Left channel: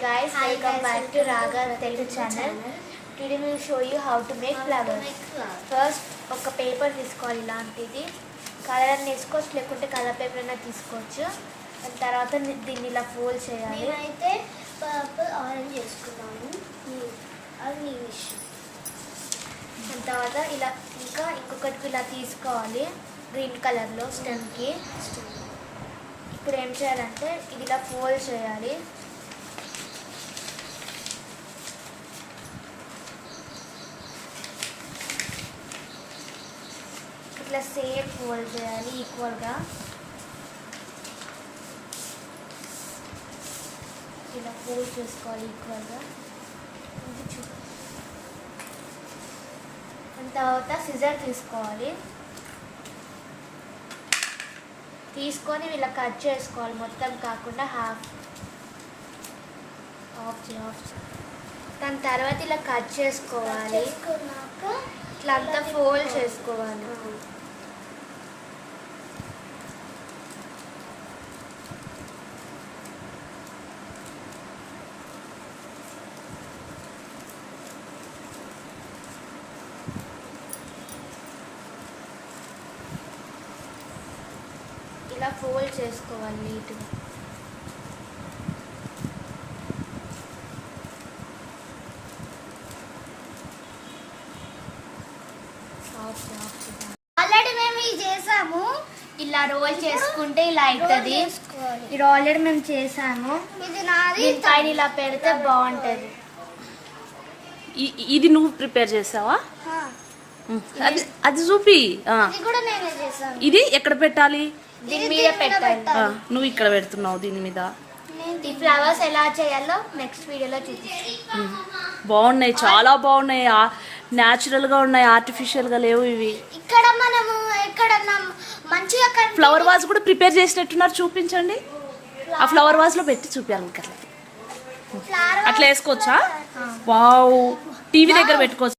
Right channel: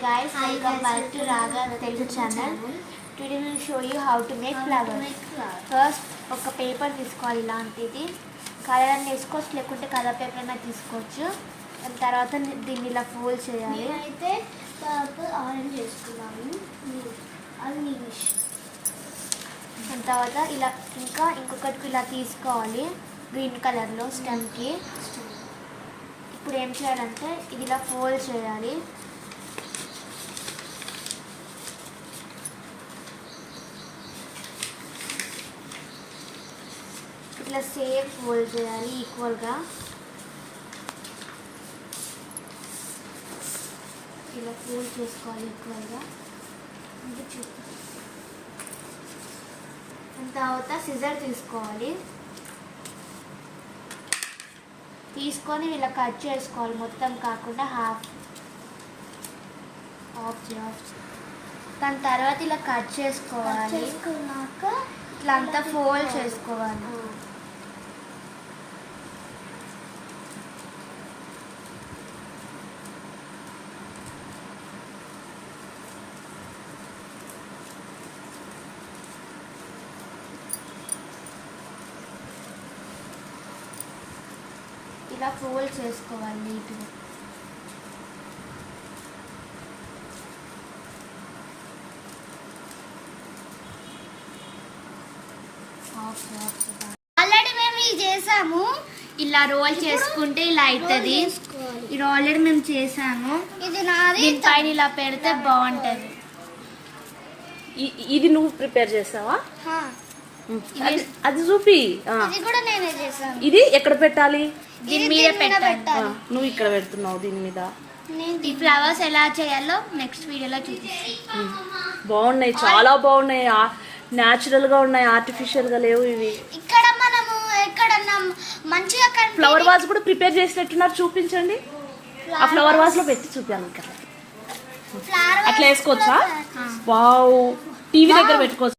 guys, welcome back to Raga Telugu channel. Today we will show you how to make flowers. First, ఒక paper తీసుకోవాలి ఇలాంటిది. Colour అన్ని వేసుకోవచ్చు లేకుంటే colour paper అన్న తీసుకోవచ్చు. తర్వాత దీన్ని ఇలా ఫోల్డ్ చేయాలి. అయితే పర్పుల్ ఆరెంజ్ వేసుకున్నాము. అది నీ విష్. తర్వాత ఇలా ఇంకొకటి ఇలా తీసుకోవాలి గ్రీన్ కలర్లో స్టెమ్కి. ఇప్పుడు ఏం చేయాలంటే ఇది ఇలా ఫోల్డ్ చేయాలి. ఇట్లా సేమ్ ఫోల్డ్ చేయాలి ఈక్వల్గా. ఇలా ఫోల్డ్ చేసుకోవాలి ఈక్వల్గా. తర్వాత సిజర్ తీసుకోవాలి. తీసుకొని ఇలా కట్ చేసుకోవాలి, మొత్తం కాకుండా హాఫ్. దాని తర్వాత ఇలా కట్ చేసుకోవాలి. ఇట్లా అంతా ఫోల్డ్ చేసుకోవాలి. ఇలా ఫోల్డ్ చేసుకోవాలి నీట్గా. ఆల్రెడీ మేము ఇది చేసాము. ఇలా రోల్ చేసుకుంటే ఇలా అవుతుంది. ఇది ఆల్రెడీ మేము చేసాము. ఇది నాది. దీనిపైన ఇలా పెడితే బాగుంటుంది. ఇది నువ్వు ప్రిపేర్ చేసావా? హా. అది చూపి. ఇది కూడా నేనే చేసాను. ఇది ఎక్కడ పెట్టాలి? దీని మీద పెట్టాలి. నువ్వు ఇక్కడ పెడుతున్నావు దీని మీద. ఈ ఫ్లవర్స్ ఎలా చేయాలో నెక్స్ట్ వీడియోలో చూపిస్తాను. బాగున్నాయి, చాలా బాగున్నాయి. న్యాచురల్ గా ఉన్నాయి, ఆర్టిఫిషియల్ గా లేవు ఇవి. ఇక్కడ మనము ఎక్కడన్నా మంచిగా ఫ్లవర్ వాజ్ కూడా ప్రిపేర్ చేసినట్టున్నారు, చూపించండి. ఆ ఫ్లవర్ వాజ్ లో పెట్టి చూపించాలి. అట్లా వేసుకోవచ్చా? వావ్, టీవీ దగ్గర పెట్టుకోవచ్చు.